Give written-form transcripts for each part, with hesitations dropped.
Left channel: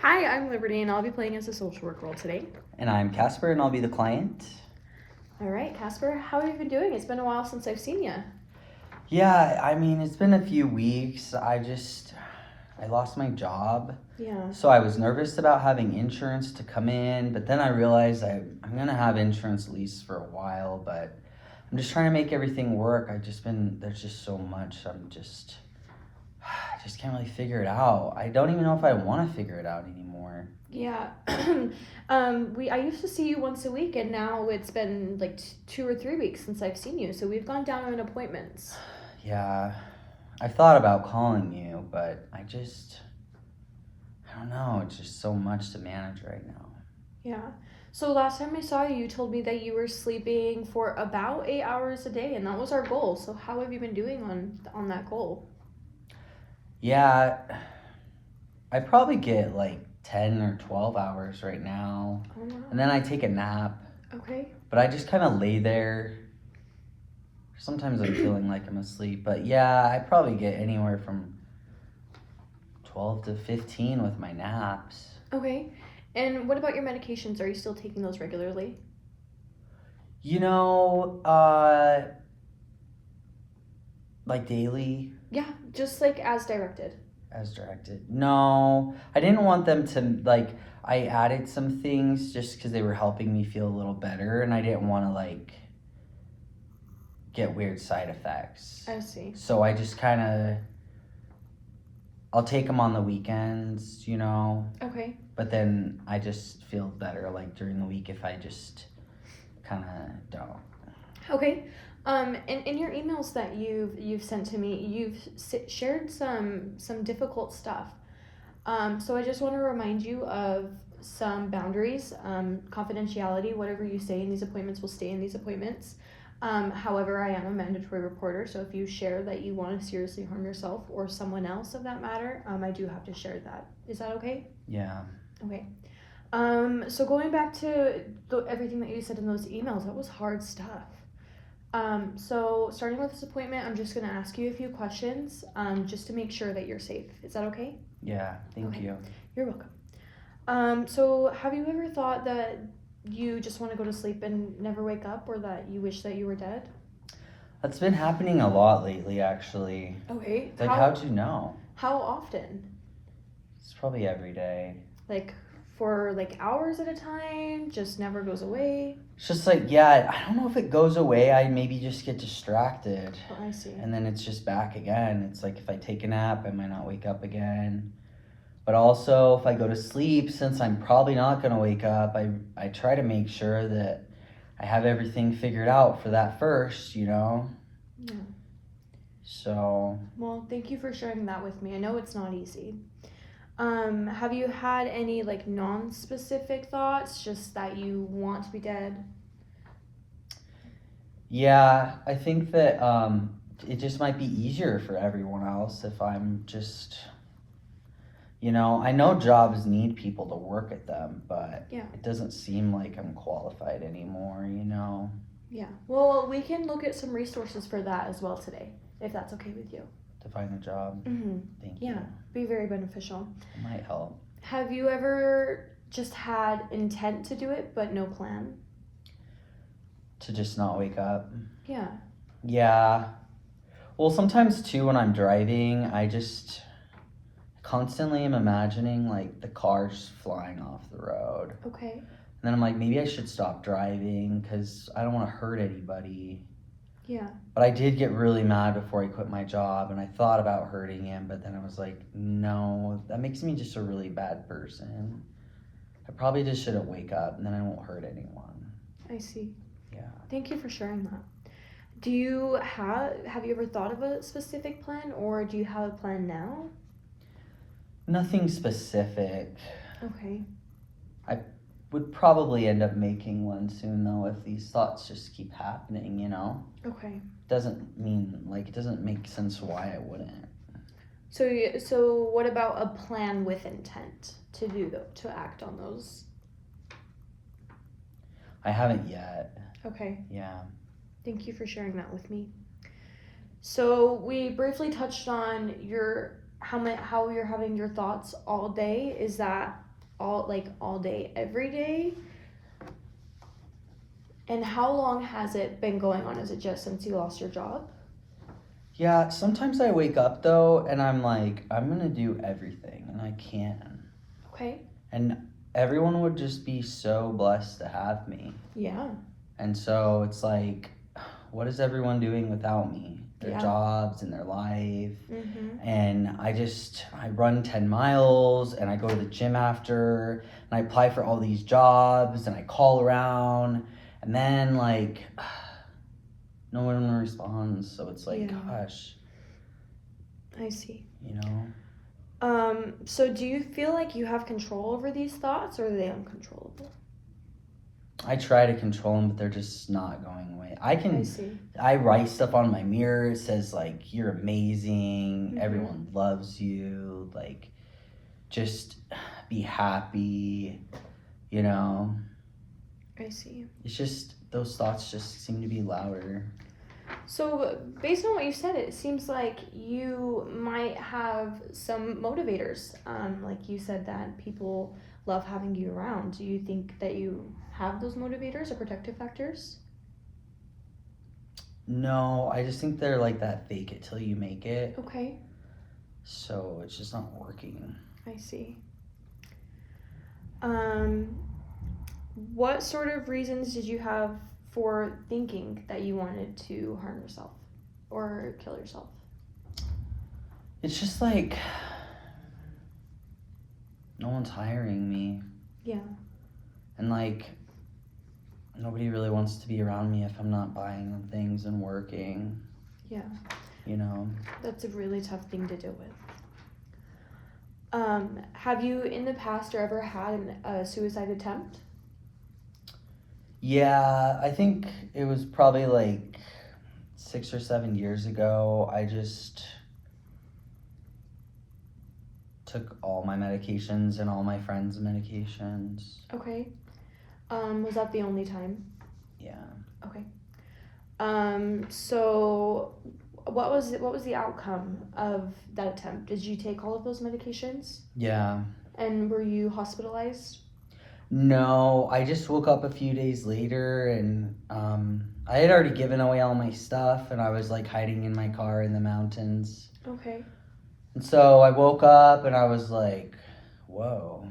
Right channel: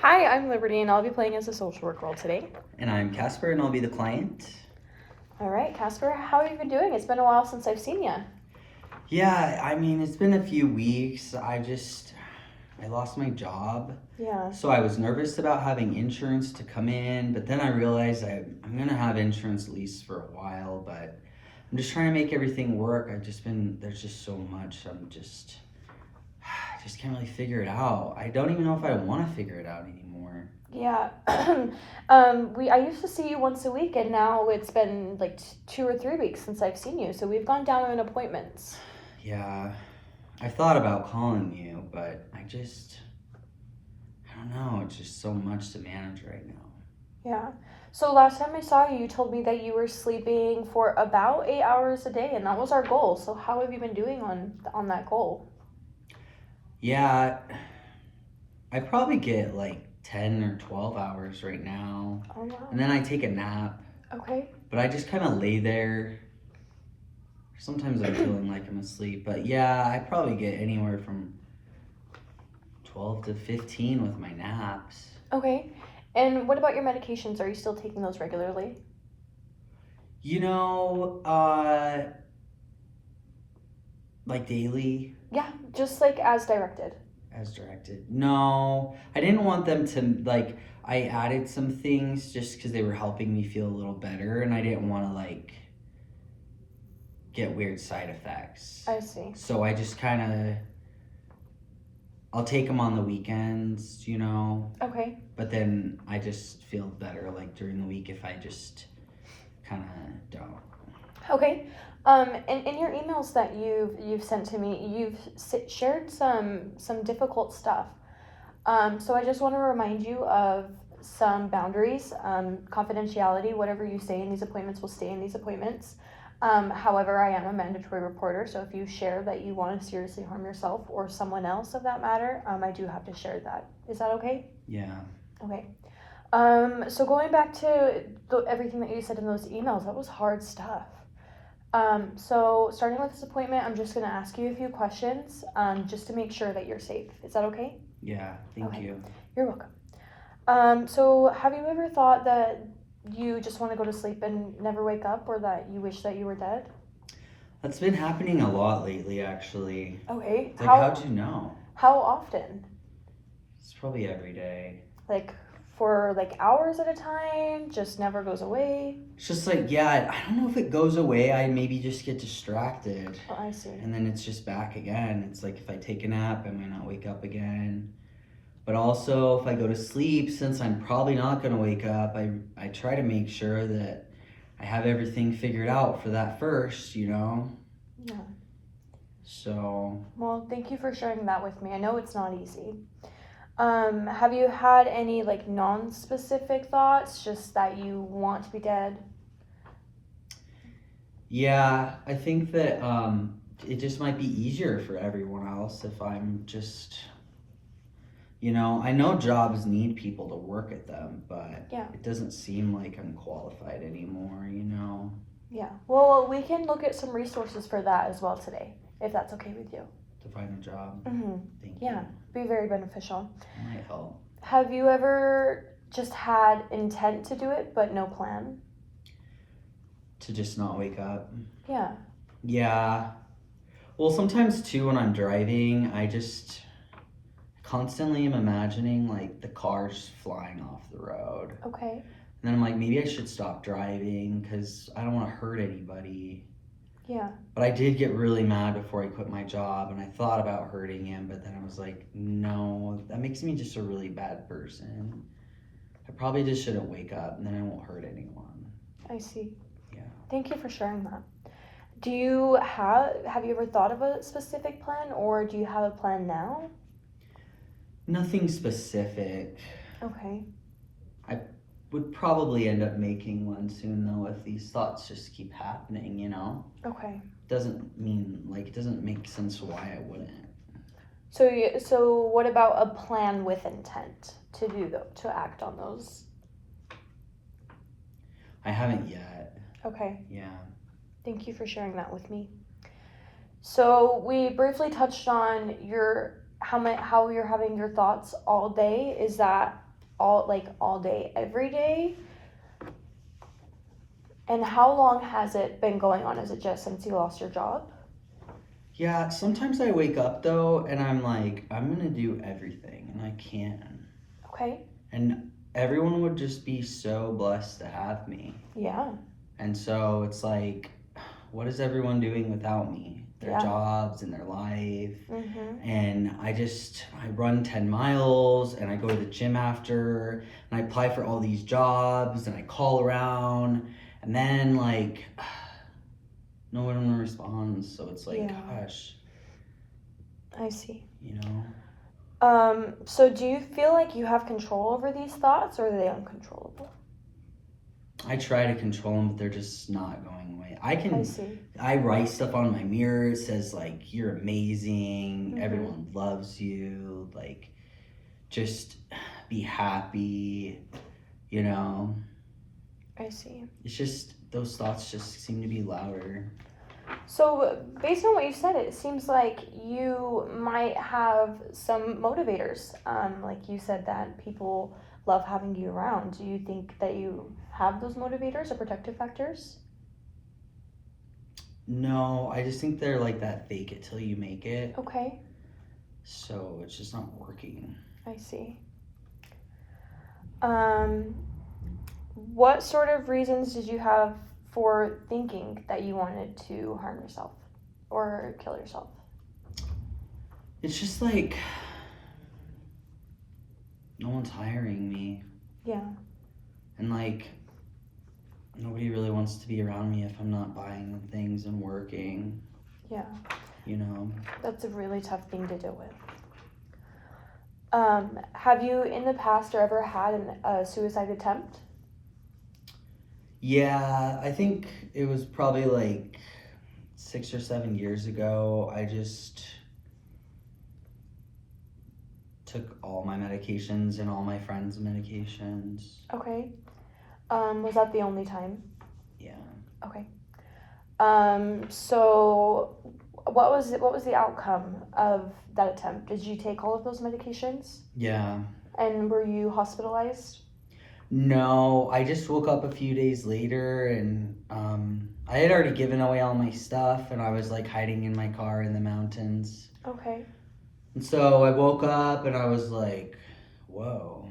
Hi, I'm Liberty, and I'll be playing as a social work role today. And I'm Casper, and I'll be the client. All right, Casper, how have you been doing? It's been a while since I've seen you. Yeah, I mean, it's been a few weeks. I lost my job. Yeah. So I was nervous about having insurance to come in, but then I realized I'm going to have insurance at least for a while, but I'm just trying to make everything work. There's just so much. I just can't really figure it out. I don't even know if I want to figure it out anymore. Yeah. I used to see you once a week, and now it's been like 2 or 3 weeks since I've seen you. So we've gone down on appointments. Yeah, I thought about calling you, but I don't know. It's just so much to manage right now. Yeah. So last time I saw you, you told me that you were sleeping for about 8 hours a day, and that was our goal. So how have you been doing on that goal? Yeah, I probably get like 10 or 12 hours right now. Oh, wow. And then I take a nap. Okay. But I just kind of lay there. Sometimes I'm feeling like I'm asleep. But yeah, I probably get anywhere from 12 to 15 with my naps. Okay. And what about your medications? Are you still taking those regularly? You know, like daily. Yeah, just like as directed. As directed. No, I didn't want them to, I added some things just because they were helping me feel a little better, and I didn't want to, get weird side effects. I see. So I just kind of, I'll take them on the weekends, Okay. but then I just feel better, during the week if I just kind of don't. Okay. In your emails that you've sent to me, you've shared some difficult stuff. So I just want to remind you of some boundaries, confidentiality. Whatever you say in these appointments will stay in these appointments. However, I am a mandatory reporter, so if you share that you want to seriously harm yourself or someone else of that matter, I do have to share that. Is that okay? Yeah. Okay. So going back to everything that you said in those emails, that was hard stuff. So starting with this appointment, I'm just going to ask you a few questions, just to make sure that you're safe. Is that okay? Yeah, thank you. You're welcome. So have you ever thought that you just want to go to sleep and never wake up, or that you wish that you were dead? That's been happening a lot lately, actually. Okay. How'd you know? How often? It's probably every day. For hours at a time, just never goes away? It's just I don't know if it goes away. I maybe just get distracted. Oh, I see. And then it's just back again. It's like if I take a nap, I might not wake up again. But also, if I go to sleep, since I'm probably not going to wake up, I try to make sure that I have everything figured out for that first, Yeah. So. Well, thank you for sharing that with me. I know it's not easy. Have you had any non-specific thoughts, just that you want to be dead? Yeah, I think that it just might be easier for everyone else if I'm just, I know jobs need people to work at them, but it doesn't seem like I'm qualified anymore, Yeah. Well, we can look at some resources for that as well today, if that's okay with you. To find a job. Mm-hmm. Thank you. Yeah, be very beneficial. It might help. Have you ever just had intent to do it, but no plan? To just not wake up? Yeah. Yeah. Well, sometimes too when I'm driving, I just constantly am imagining the cars flying off the road. Okay. And then I'm like, maybe I should stop driving because I don't want to hurt anybody. Yeah. But I did get really mad before I quit my job, and I thought about hurting him, but then I was like, no, that makes me just a really bad person. I probably just shouldn't wake up, and then I won't hurt anyone. I see. Yeah. Thank you for sharing that. Have you ever thought of a specific plan, or do you have a plan now? Nothing specific. Okay. I would probably end up making one soon, though, if these thoughts just keep happening, Okay. It doesn't make sense why I wouldn't. So what about a plan with intent to act on those? I haven't yet. Okay. Yeah. Thank you for sharing that with me. So we briefly touched on how you're having your thoughts all day. Is that all day, every day? And how long has it been going on? Is it just since you lost your job? Yeah, sometimes I wake up though and I'm like, I'm gonna do everything, and I can. Okay. And everyone would just be so blessed to have me. Yeah. And so it's like, what is everyone doing without me? Their Yeah. jobs and their life. Mm-hmm. And I run 10 miles and I go to the gym after and I apply for all these jobs and I call around and then like no one responds. So it's like, Yeah. gosh, I see. you know? So do you feel like you have control over these thoughts, or are they uncontrollable? I try to control them, but they're just not going away. I see. I write stuff on my mirror. It says like, you're amazing. Mm-hmm. Everyone loves you. Like, just be happy, you know? I see. It's just, those thoughts just seem to be louder. So based on what you said, it seems like you might have some motivators. Like you said that people love having you around. Do you think that you have those motivators or protective factors? No, I just think they're like that fake it till you make it. Okay, So it's just not working. I see. What sort of reasons did you have for thinking that you wanted to harm yourself or kill yourself? It's just like, no one's hiring me. Yeah. And like, nobody really wants to be around me if I'm not buying them things and working. Yeah. You know? That's a really tough thing to deal with. Have you in the past or ever had a suicide attempt? Yeah, I think it was probably like 6 or 7 years ago. I just took all my medications and all my friends' medications. Okay. Was that the only time? Yeah. Okay. So what was the outcome of that attempt? Did you take all of those medications? Yeah. And were you hospitalized? No, I just woke up a few days later and I had already given away all my stuff and I was like hiding in my car in the mountains. Okay. And so I woke up and I was like, whoa.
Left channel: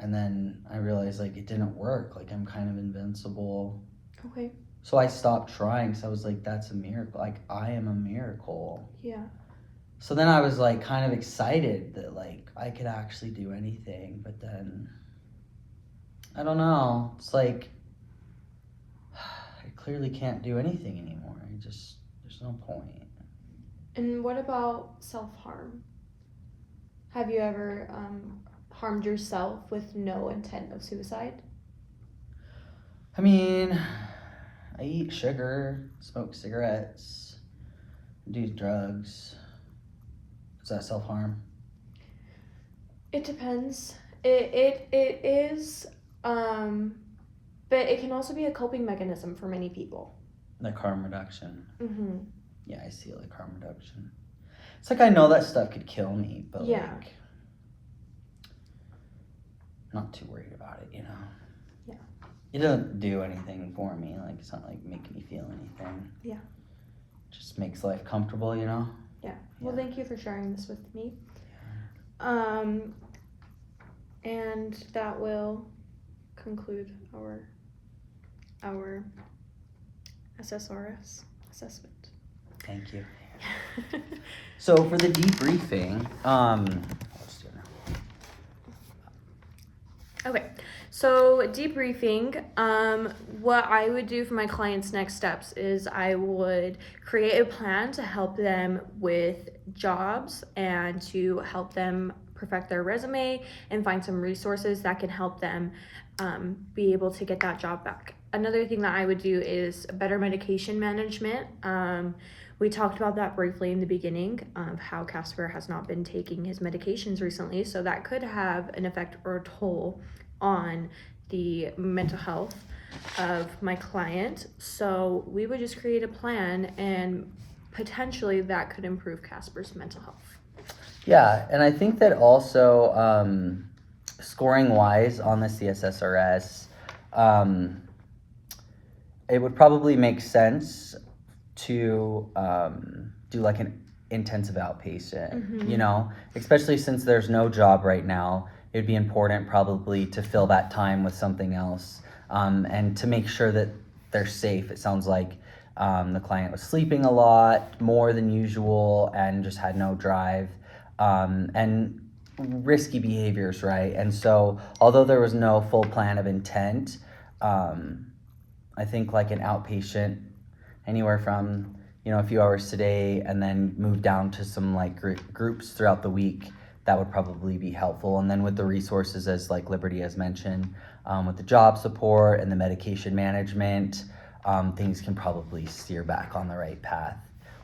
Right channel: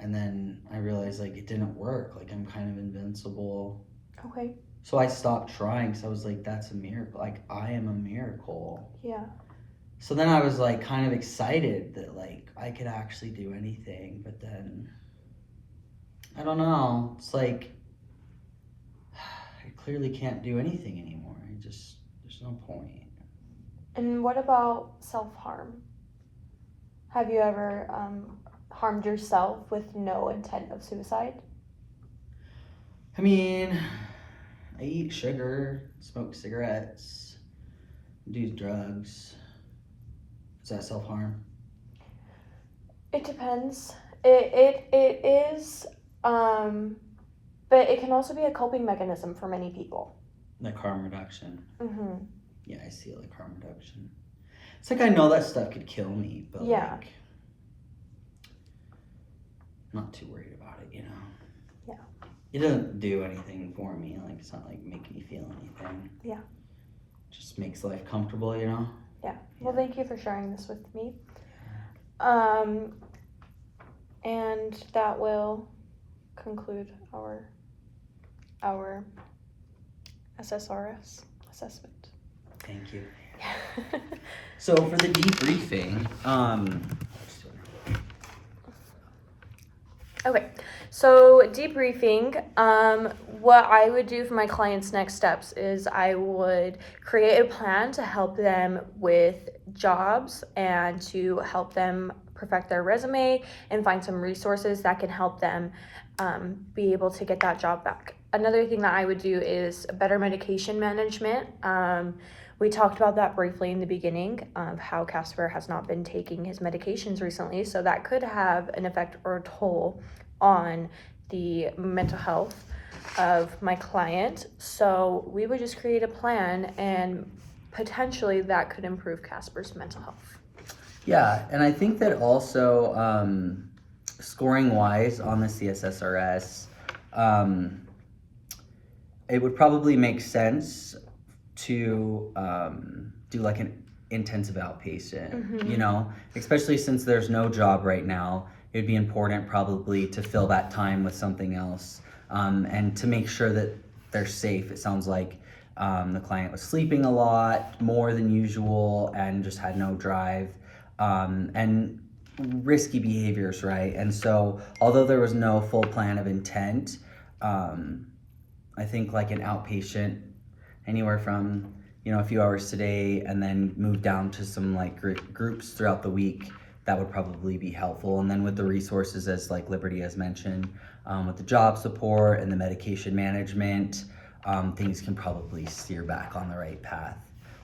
And then I realized like it didn't work. Like I'm kind of invincible. Okay. So I stopped trying. So I was like, that's a miracle. Like I am a miracle. Yeah. So then I was like kind of excited that like I could actually do anything. But then I don't know. It's like I clearly can't do anything anymore. There's no point. And what about self-harm? Have you ever harmed yourself with no intent of suicide? I mean, I eat sugar, smoke cigarettes, do drugs. Is that self-harm? It depends. It is, but it can also be a coping mechanism for many people. Like harm reduction. Mm-hmm. Yeah, I see it like harm reduction. It's like I know that stuff could kill me, but Yeah. like not too worried about it, you know? Yeah. It doesn't do anything for me. Like it's not like making me feel anything. Yeah. It just makes life comfortable, you know? Yeah. Well, Yeah. thank you for sharing this with me. And that will conclude our SSRS assessment. Thank you. So for the debriefing, let's do it. Okay, so debriefing, what I would do for my clients' next steps is I would create a plan to help them with jobs and to help them perfect their resume and find some resources that can help them be able to get that job back. Another thing that I would do is better medication management. We talked about that briefly in the beginning of how Casper has not been taking his medications recently, so that could have an effect or a toll on the mental health of my client. So we would just create a plan and potentially that could improve Casper's mental health. Yeah, and I think that also scoring wise on the CSSRS, it would probably make sense to do like an intensive outpatient, you know, especially since there's no job right now. It'd be important probably to fill that time with something else, and to make sure that they're safe. It sounds like the client was sleeping a lot, more than usual, and just had no drive, and risky behaviors, right? And so, although there was no full plan of intent, I think like an outpatient, anywhere from a few hours today, and then move down to some like groups throughout the week. That would probably be helpful. And then with the resources, as like Liberty has mentioned, with the job support and the medication management, things can probably steer back on the right path.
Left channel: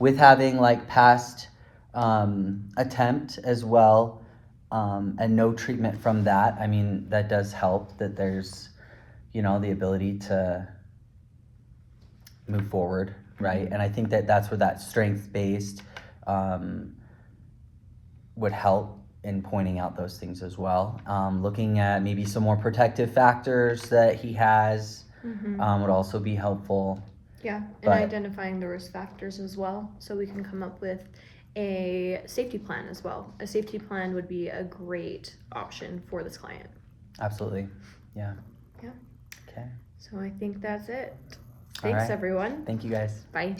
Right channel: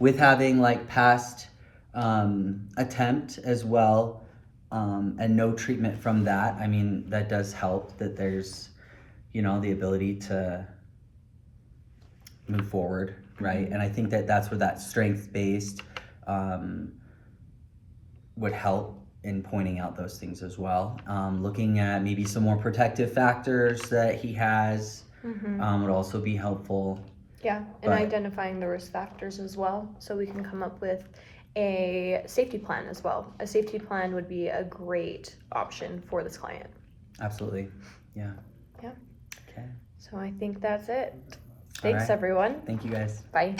With having like past attempt as well, and no treatment from that, I mean, that does help that there's, the ability to move forward, right? And I think that that's where that strength-based would help in pointing out those things as well. Looking at maybe some more protective factors that he has would also be helpful. Yeah, and identifying the risk factors as well, so we can come up with a safety plan as well. A safety plan would be a great option for this client. Absolutely, yeah. Yeah. Okay. So I think that's it. Thanks, everyone. Thank you, guys. Bye.